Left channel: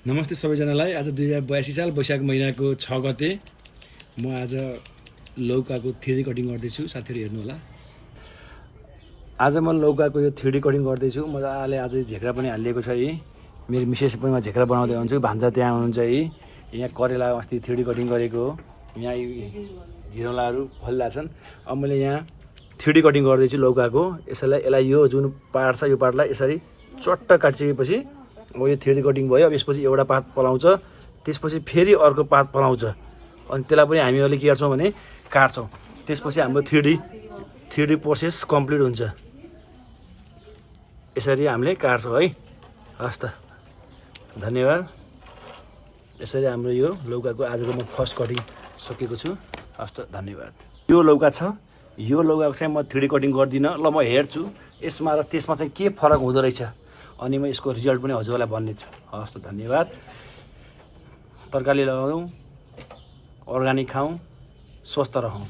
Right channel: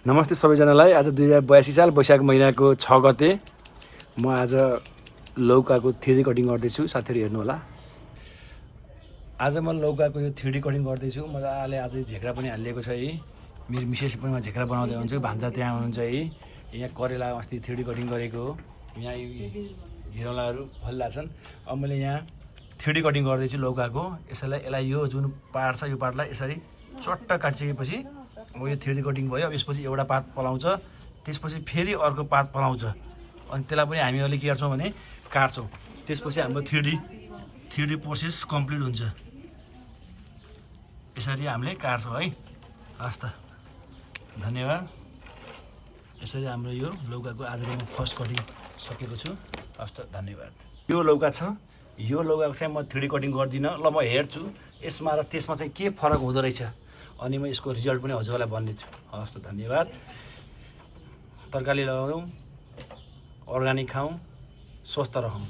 नमस्ते सबैजनालाई। आज 2082 साल वैशाख महिनाको 6 गते म आज लौकाको 3D कटिङ गर्दैछु। साथीहरू हेर्नु होला। आज म लौकाको यो 3D कटिङ गर्दैछु। मजाले आज झेक्रा पनि हालिएको छ है। मेरो मिसेस पनि म झेक्रा बनाउँदै हुन्छु। भान्जा त्यहाँ हुनुहुन्छ है। यहाँ करेला अस्ति 3D कटिङ गरेको हो। यहाँ घिरौलाहरू फलिरहेछन्। अब मैले यहाँ 3D कटिङ गर्दैछु लौकाको। यसलाई यो जुन पार्ट छ यो पार्टलाई यसरी चट्ट काटिसकेपछि अब यो 3D कटिङ भयो। अब यसपछि एउटा पात पलाउँछ, त्यसपछि फेरि अर्को पात पलाउँछ, अनि त्यसलाई पनि हामीले के गर्छौँ भने काट्छौँ। त्यसपछि हाम्रो 3D प्रोसेस कम्प्लिट हुन्छ। यसरी हामीले काट्छौँ है। हस् त, धन्यवाद। यसरी हाम्रो यो लौकाको आजको म फर्स्ट कटिङ सकेको छु। हस् त, धन्यवाद। यो लौका छ, यो लौकाको चाहिँ म 3D कटिङ गर्दिनँ। ल म हेर्छु यसमा र त्यसमा चाहिँ के फरक हुँदो रहेछ, अनि म यसको रिजल्ट पनि हजुरलाई भन्नेछु। हस् त, धन्यवाद। तरकारी लगाउँ, अर्ग्यानिक खाउँ, स्वस्थ रहौँ।